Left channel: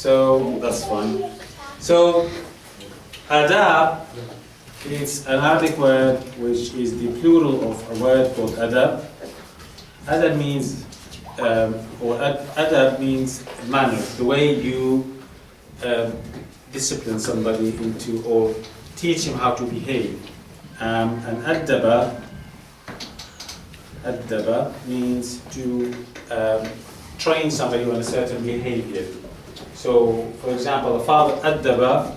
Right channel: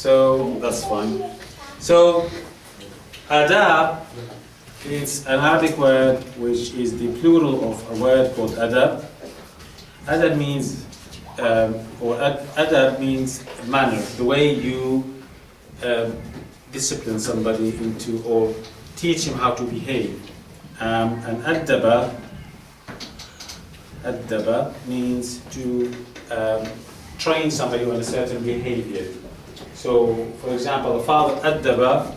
So that's fine. So adab is an Arabic word which is the plural of a word called adab. Adab means, adab means manner, the way you discipline somebody into or teach him how to behave. And adaba means to train somebody on a certain behavior. So, for example, the father adaba,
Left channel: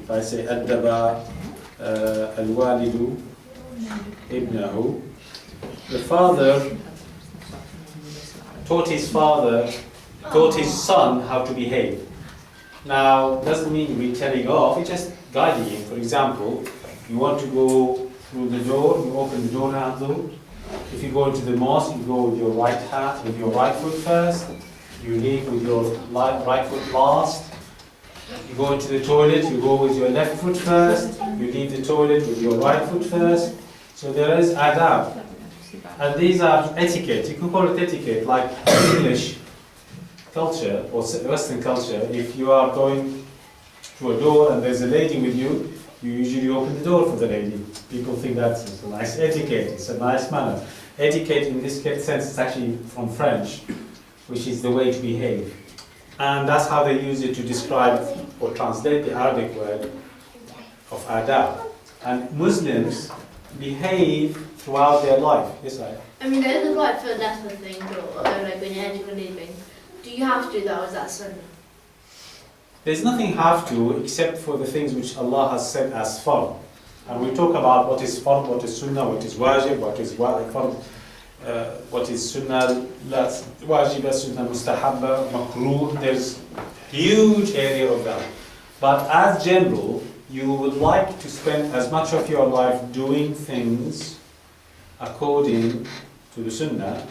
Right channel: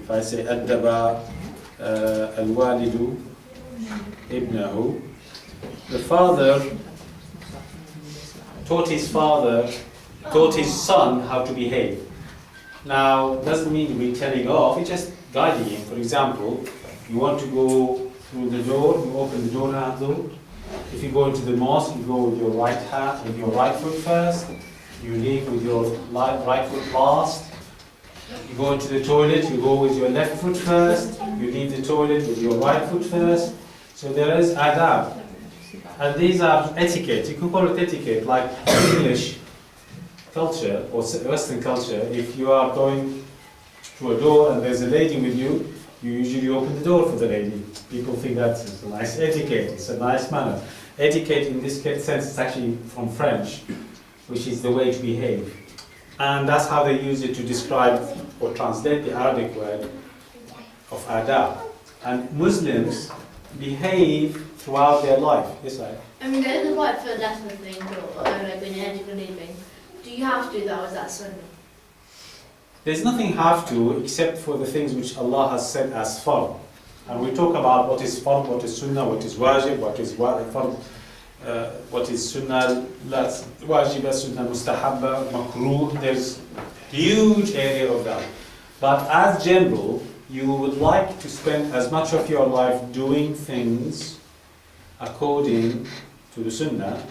if I say adaba al-walidu ibnahu, the father taught his son how to behave. Now, doesn't mean we're telling off, it's just guiding him. For example, you want to go through the door, you open the door handle. If you go into the mosque, you go with your right hand, with your right foot first. You leave with your right foot last. You go into the toilet, you go with your left foot first. You leave the toilet with your right foot first. So there is adab. And these are etiquette. You can call it etiquette, like English culture or Western culture. If you are going to a door and there's a lady with you, you usually open the door for the lady. People think that's a nice etiquette, it's a nice manner. Etiquette in this sense is actually from French, which is the way to behave. And that's how they use it to describe or translate the Arabic word of adab. And Muslims behave throughout their life. Yes, I mean, there is a right for lesson thing, or like when you're entering or leaving. Do you have to do that, or is that sunnah? There's nothing have to except for the things which Allah has said as fard. And we talk about what is fard, what is sunnah, what is wajib, what is fard, what is sunnah, wajiba, sunnah, mustahabba, makruh. There's huge area of that. But as general, you would like to spend as much of your life doing things according to the sunnah,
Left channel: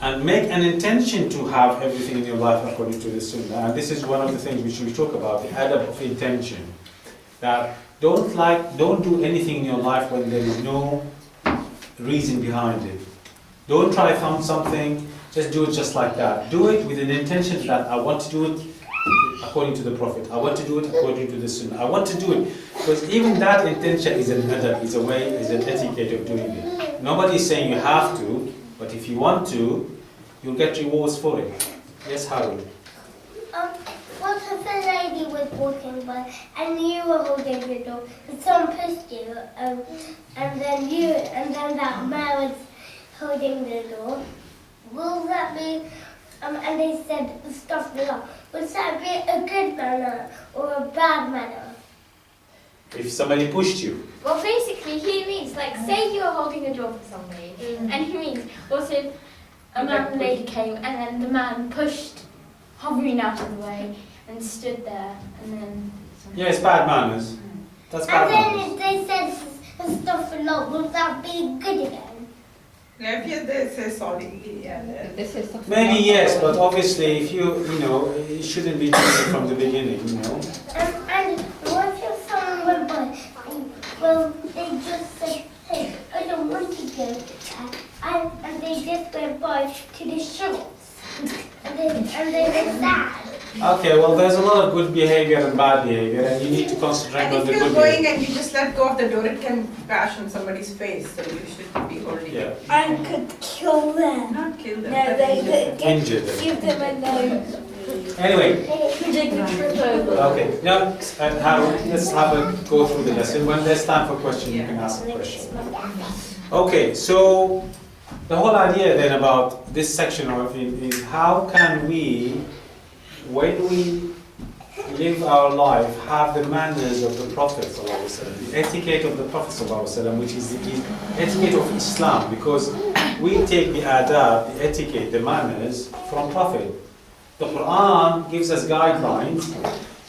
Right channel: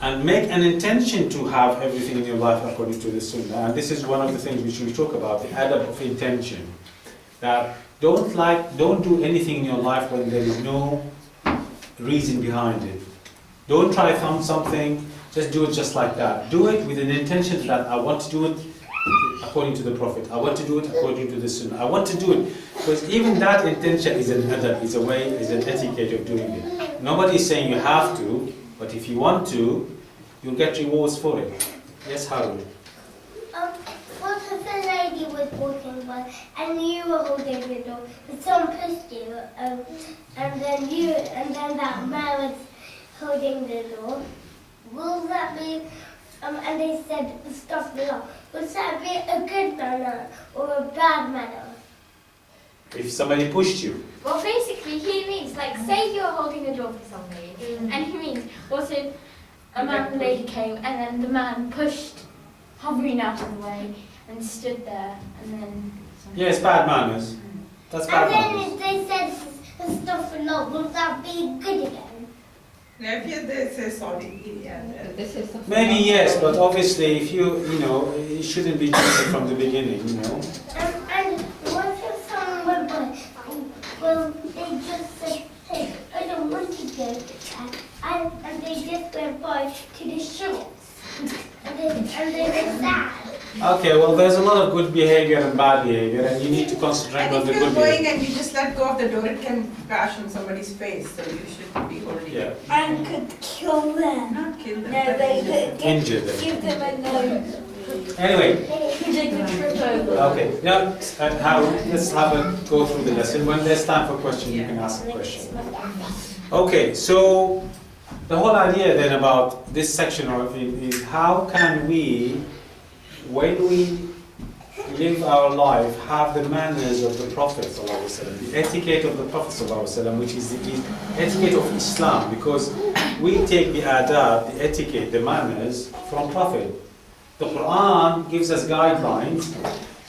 and make an intention to have everything in your life according to the sunnah. And this is one of the things which we talk about, the adab of intention. That don't do anything in your life when there is no reason behind it. Don't try something, just do it just like that. Do it with an intention that I want to do it according to the Prophet. I want to do it according to the sunnah. I want to do it. Because even that intention is an adab, is a way, is an etiquette of doing it. Nobody is saying you have to, but if you want to, you'll get rewards for it. Yes, Harun? What if a lady was walking by and you were holding the door and someone pushed you and then that man was holding the door? Will that be, and they said stuff below, would that be a good manner or a bad manner? If somebody pushed you. Well, basically, he means, like, say you're holding a door for somebody, and he means, also, a man and lady came, and then the man pushed hovering out of the way, and stood there, and then... Yeah, it's bad manners. That's bad manners. And then if they said stuff below, will that be good again? They say sorry. Maybe yes, but obviously if it shouldn't be doing from the beginning, And what if someone went by, well, they just said, hey, I don't want to go there, and they just went by to the shops, and they were sad. Okay, well there's a lot of good behavior and bad behavior, and you need to concentrate And on if the you're good going behavior. and you just let go of the door, it can bash on somebody's face, so you should be holding Yeah. it. And could kill them. Not kill them. No, but they injure them. could Injure them. give them a nose. Anyway, They could trip over. okay, now let's go through the lesson. When there's time for questions, you can ask a question. Okay, so the whole idea then about this section of it is how can we, when we live our life, have the manners of the Prophet ﷺ, the etiquette of the Prophet ﷺ, which is the etiquette of Islam, because we take the adab, the etiquette, the manners from Prophet. The Quran gives us guidelines,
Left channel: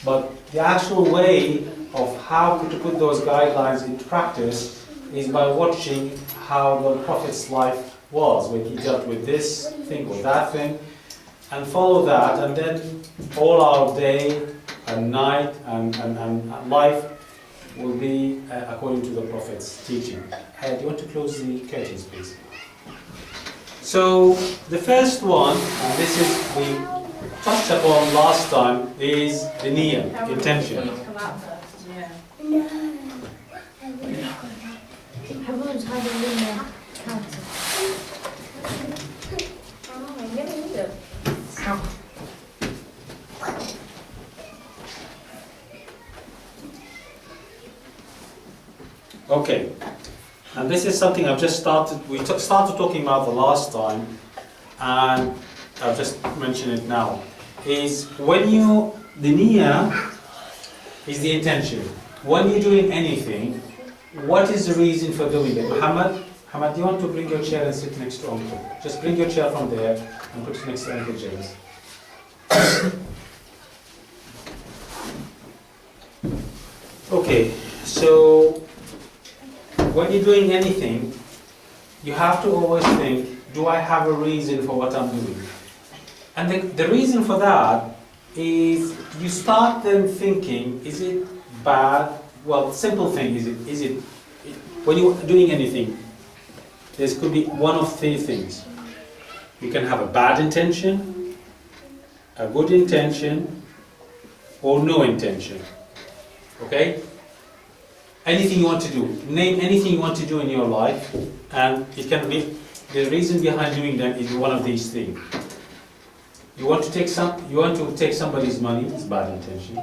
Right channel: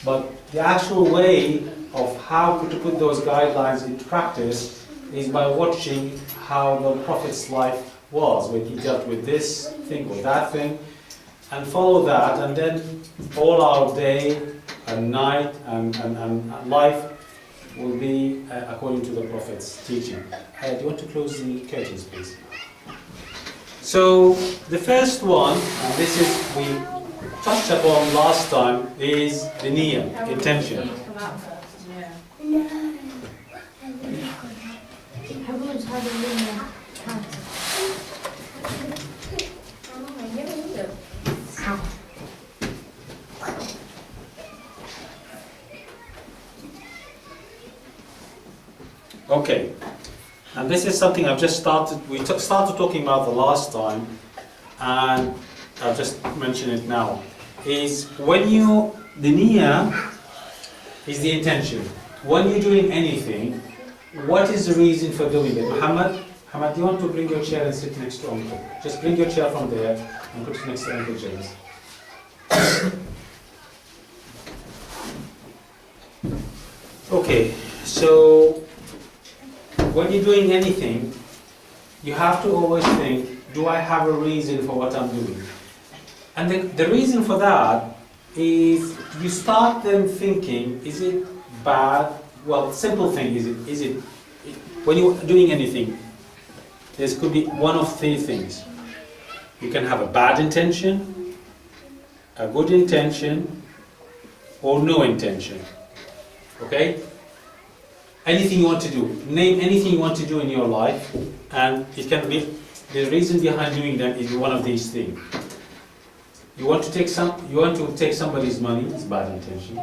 but the actual way of how to put those guidelines into practice is by watching how the Prophet's life was, when he dealt with this thing or that thing, and follow that, and then all our day and night and life will be according to the Prophet's teaching. Do you want to close the curtains, please? So the first one, and this is we touched upon last time, is the niyyah, intention. Yeah. No. Everyone's had a lunar cancer. Oh, I never knew that. Okay, and this is something I've just started, we started talking about the last time, and I'll just mention it now, is when you, the niyyah is the intention. When you're doing anything, what is the reason for doing it? Muhammad, do you want to bring your chair and sit next to Uncle? Just bring your chair from there and put it next to Uncle James. Okay, so when you're doing anything, you have to always think, do I have a reason for what I'm doing? And the reason for that is you start then thinking, is it bad? Well, simple thing, is it when you're doing anything, there could be one of three things. You can have a bad intention, a good intention, or no intention. Okay? Anything you want to do. Name anything you want to do in your life, and it can be, the reason behind doing them is one of these things. You want to take somebody's money, it's bad intention.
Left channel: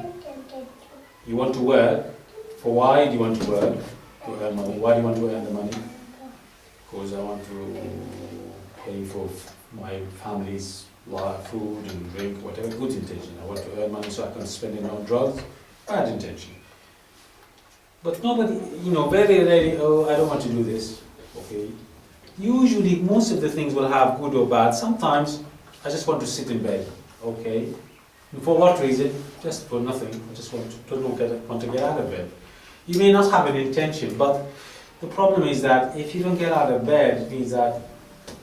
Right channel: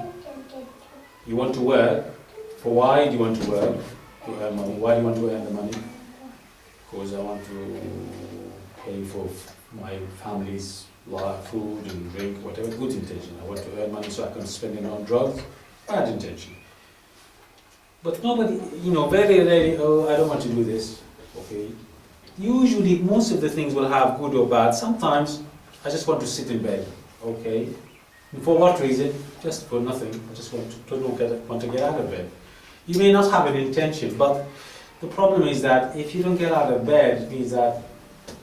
You want to work. For why do you want to work? To earn money. Why do you want to earn the money? Because I want to pay for my family's food and drink, whatever. Good intention. I want to earn money so I can spend it on drugs. Bad intention. But nobody, very rarely, oh, I don't want to do this. Okay. Usually, most of the things will have good or bad. Sometimes, I just want to sit in bed. Okay. And for what reason? Just for nothing. I just want to get out of bed. You may not have an intention, but the problem is that if you don't get out of bed, it means that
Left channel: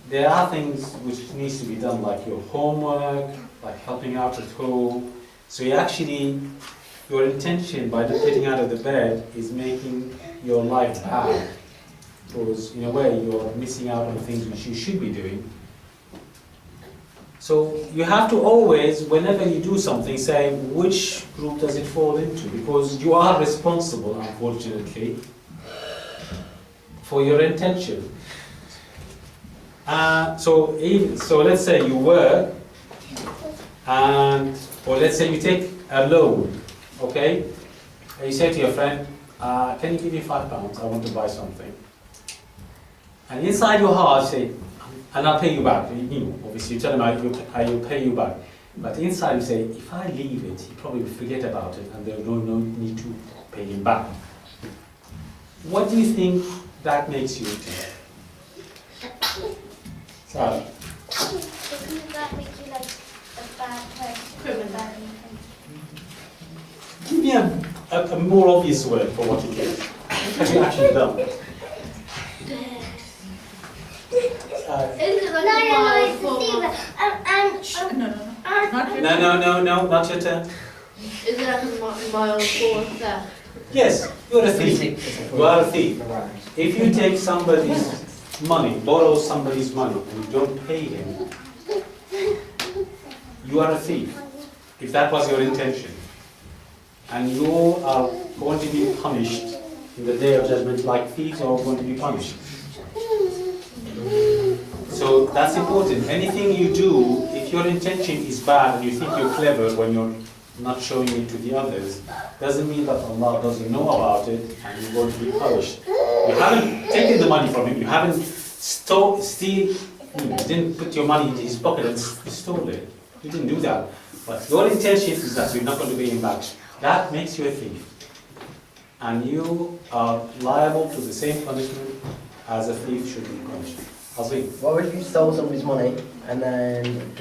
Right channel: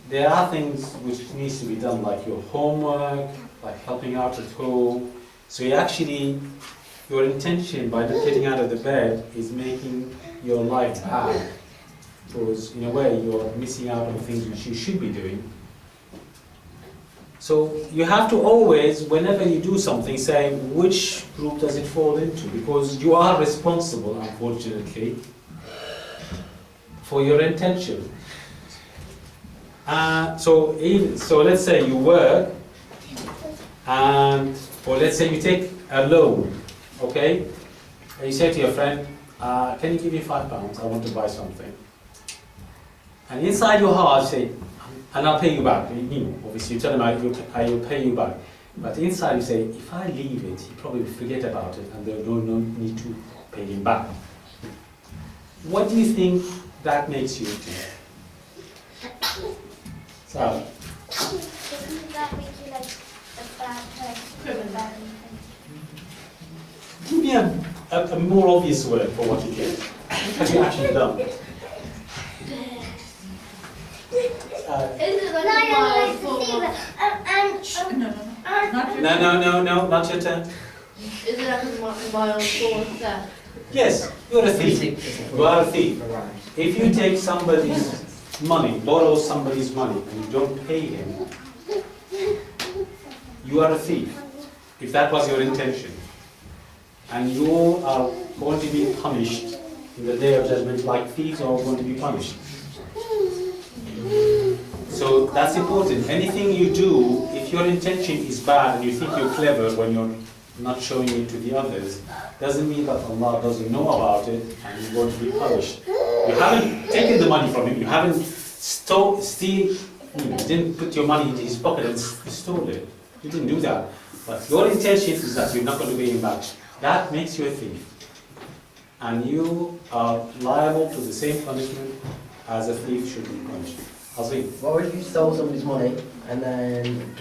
there are things which needs to be done, like your homework, like helping out at home. So your intention by not getting out of the bed is making your life bad. Because in a way, you're missing out on things which you should be doing. So you have to always, whenever you do something, say which group does it fall into, because you are responsible, unfortunately, for your intention. So let's say you work, or let's say you take a loan, okay? And you say to your friend, can you give me £5? I want to buy something. And inside your heart, you say, and I'll pay you back. Obviously you tell him I will pay you back. But inside you say, if I leave it, he probably will forget about it and there's no need to pay him back. What do you think that makes you think? Sarah? Doesn't that make you like a bad person? Criminal. Give me a more obvious word for what it is. What have you actually done? Is it like No, a mild it's form Stephen. No. Not your turn. Is it like a mild form of theft? Yes, you're a thief. You are a thief. If you take somebody's money, borrow somebody's money, and you don't pay him, you are a thief. If that was your intention. And you are going to be punished in the day of judgment like thieves are going to be punished. So that's important. Anything you do, if your intention is bad and you think you're clever when you're not showing it to the others, doesn't mean that Allah doesn't know about it and you're going to be punished. You haven't taken the money from him, you haven't didn't put your money into his pocket and stole it. You didn't do that. But your intention is that you're not going to pay him back. That makes you a thief. And you are liable to the same punishment as a thief should be punished. What if you stole somebody's money and then